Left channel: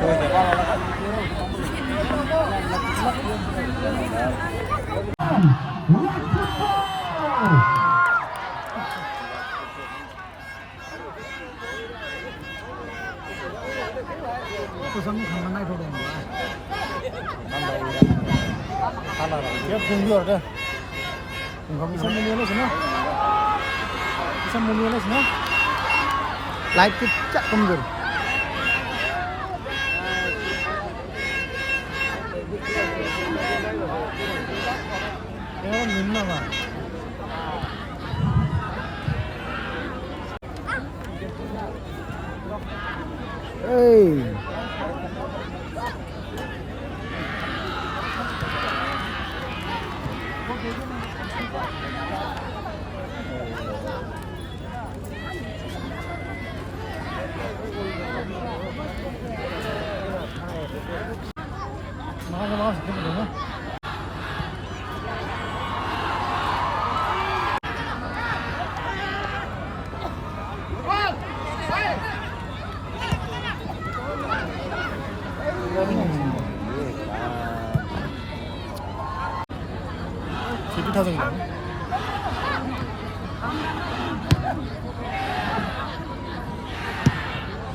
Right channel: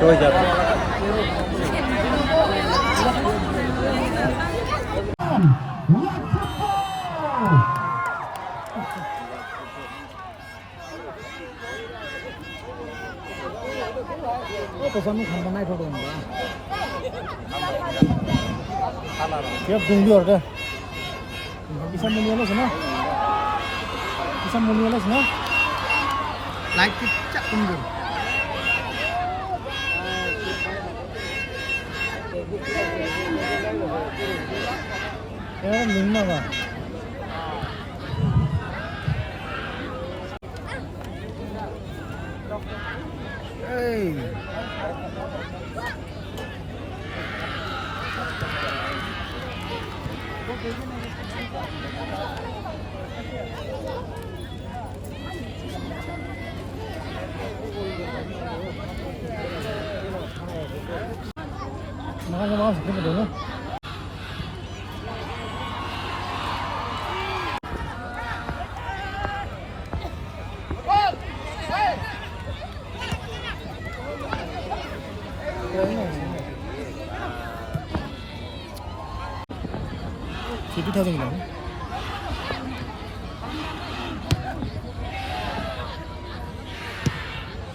Coba aja. Oh, pesanmu khamban naik thodi enggak? Siap tunggu ada. Bisa mulia sana. Bisa mulia sana. Light kecak kembar. Ya, minna lah. Hey. Makan sebentar dulu. TV 타졌나?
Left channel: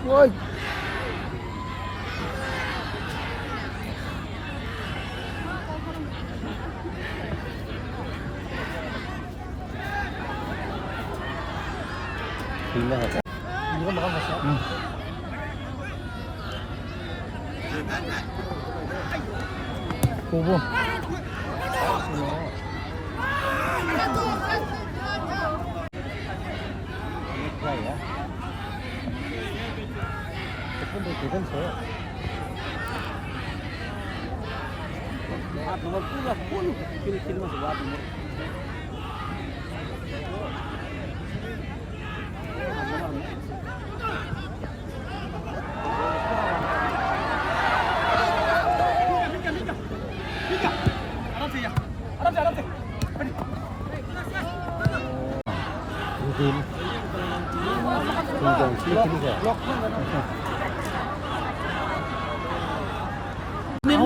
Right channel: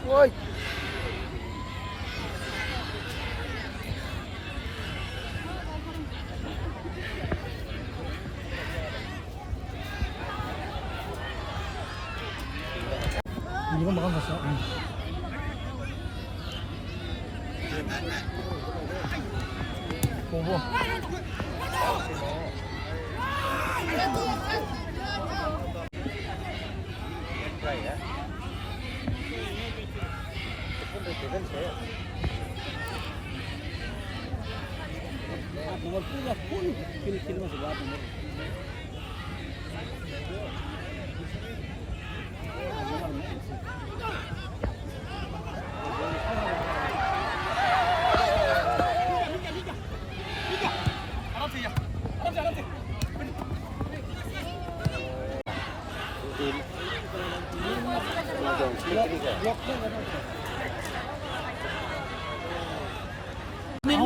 Woi. 이거 먹어봤어? 응. 보보.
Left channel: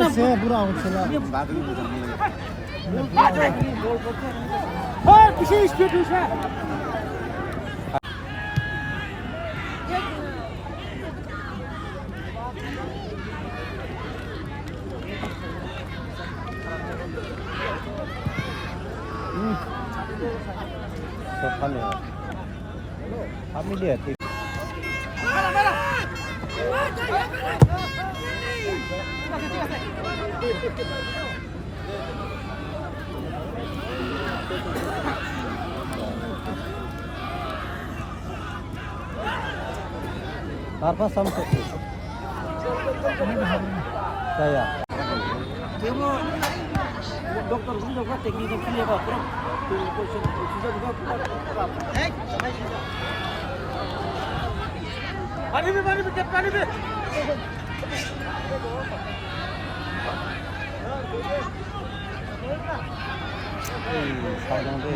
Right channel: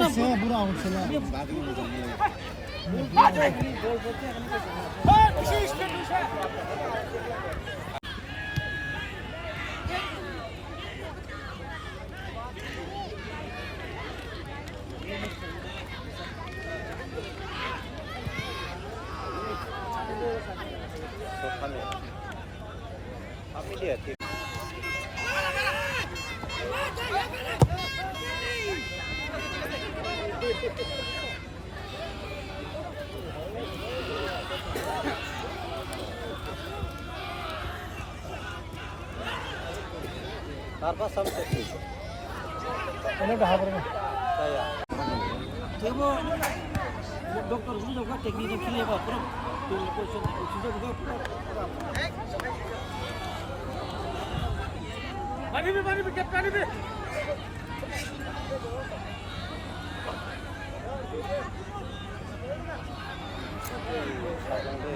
Saya buruk sila. Oh, kisi speed usah. Kami lihat. Apa sampai itu? Ini dah berapa? Saya. Cuma dokter sudah buat teknik ini apa? Terus sudah buat. Mari.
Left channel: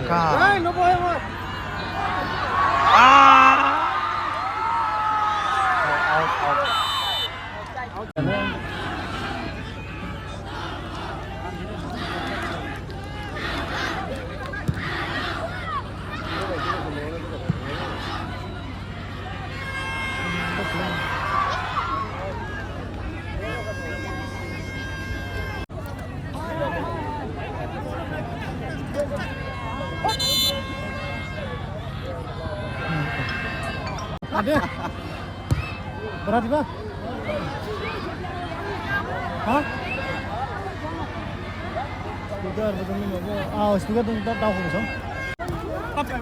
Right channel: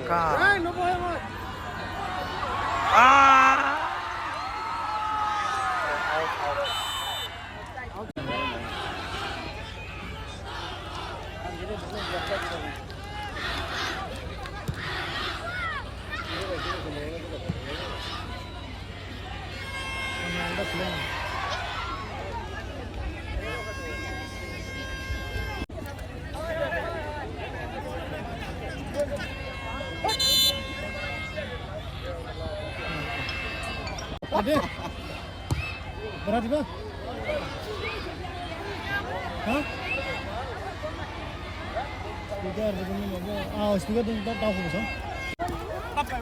Enggak. Ada. Berarti Pak? Hah? Speaker begini aja. Ah, speaker tuh tahu bisa. Apa?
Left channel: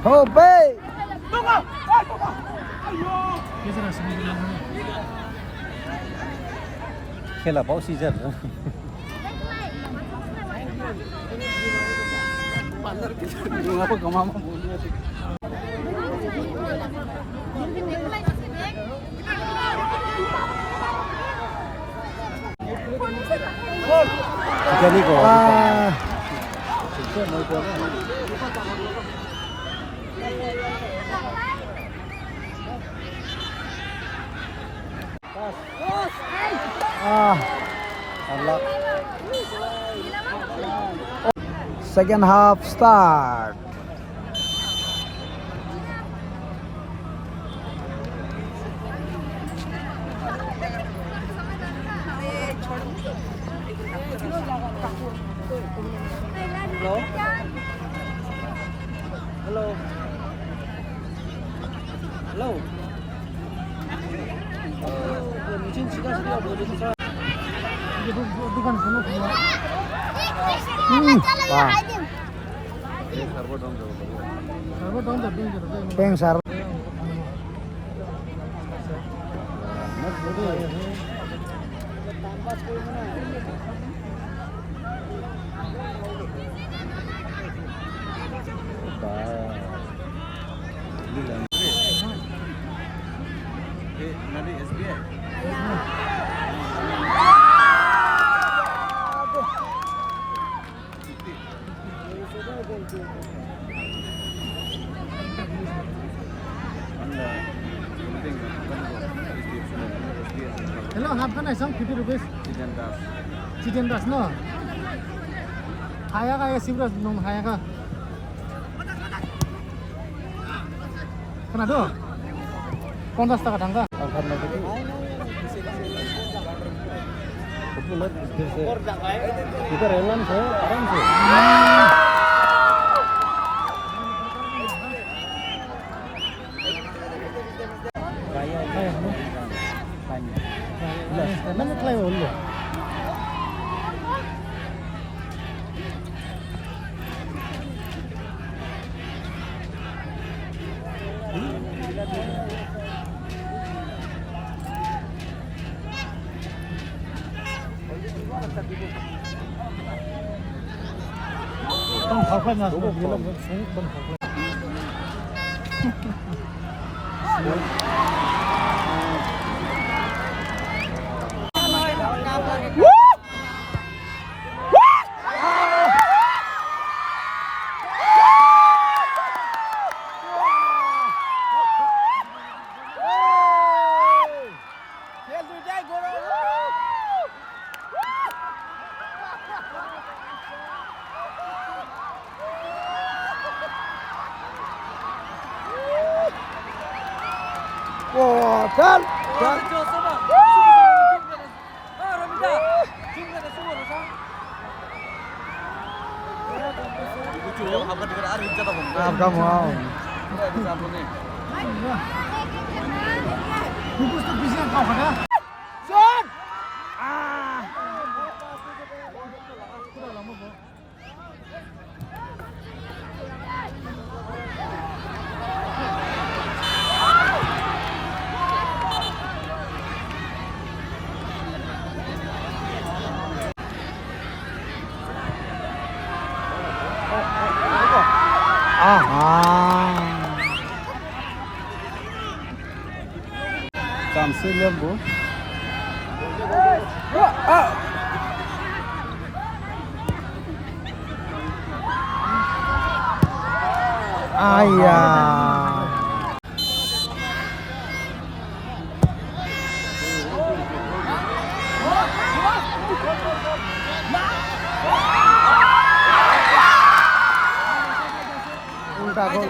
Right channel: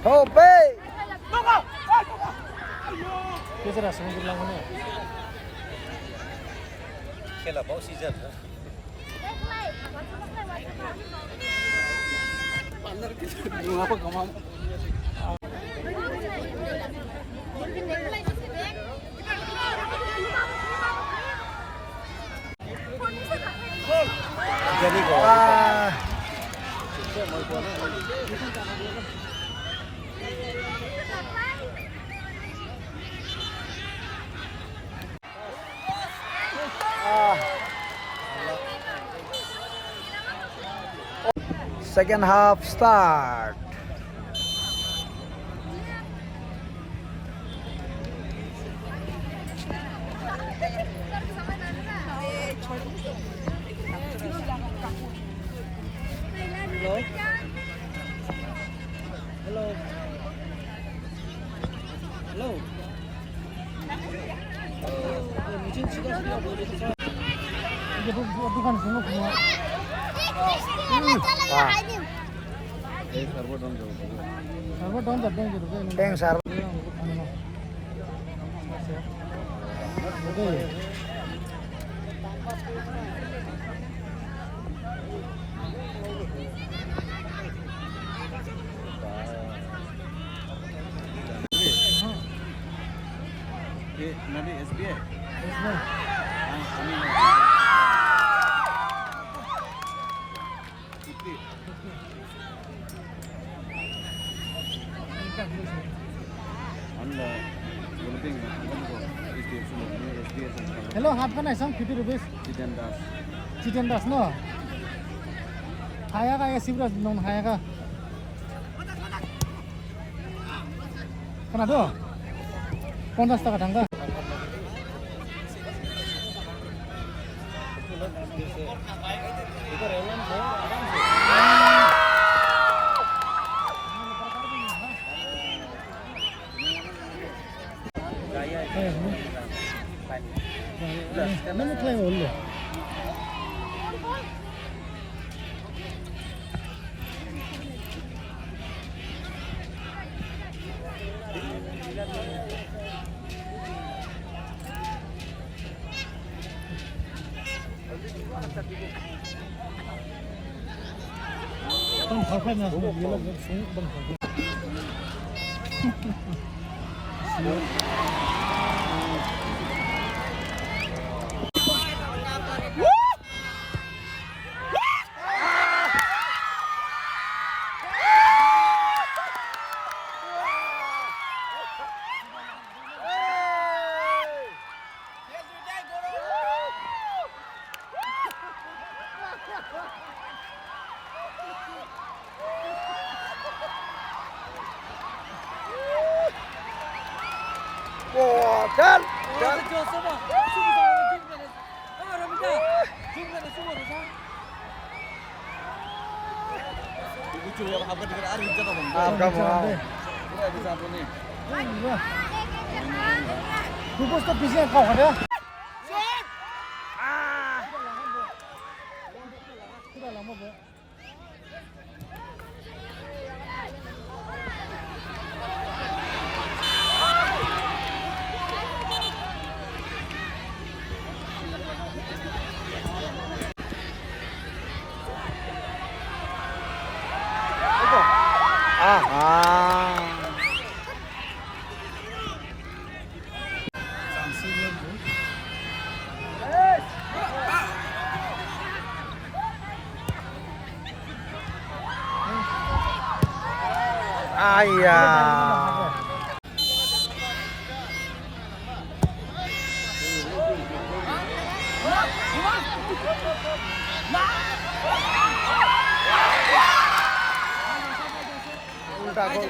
Hope. Kita rasa sebentar lagi. Kela bau season. Ngapa kamu mau? ini kok. Second half start. Hello. Hello. Hello. Mungkin sudah boleh bisa. Peng sar. Hello, half an hour, 50 rupees. Chicken das no. Haya ka sibras nong haya ka. Kenapa? 50 টাকা ঢাঙ্গা। Kita relan saya orang sih. Mana try ulu. Bang halka na so yelo sung bang halka. Wah, Chan. Apa kamu mau? Bungkus tak bisa kau ada. Cancel ya, Bu. Ayah. Ulta gol.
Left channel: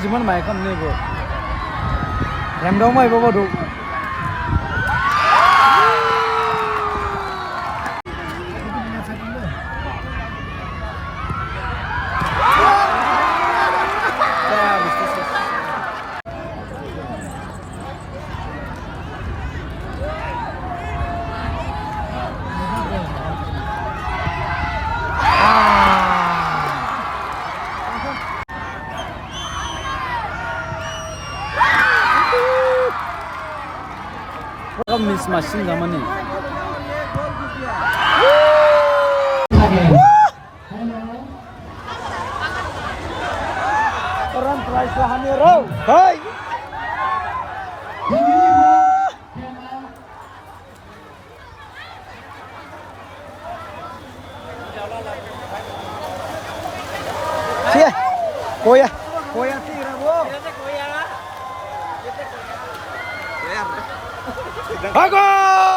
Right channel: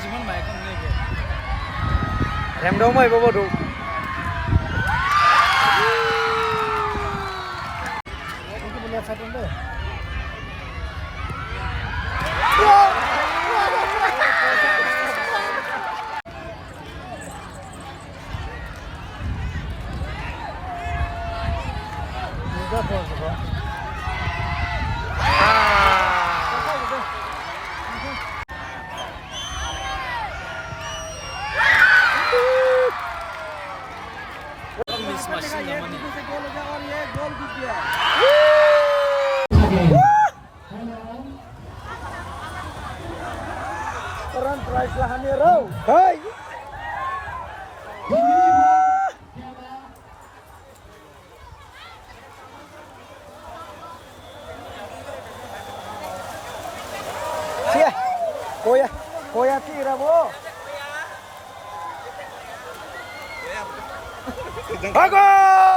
Jiman mai kan ni go. Em đâu mày bao đủ. मासिं जामानि Orang prize lah ni roh. Hai. Sia. Koya. Koya tira bo. Bagus.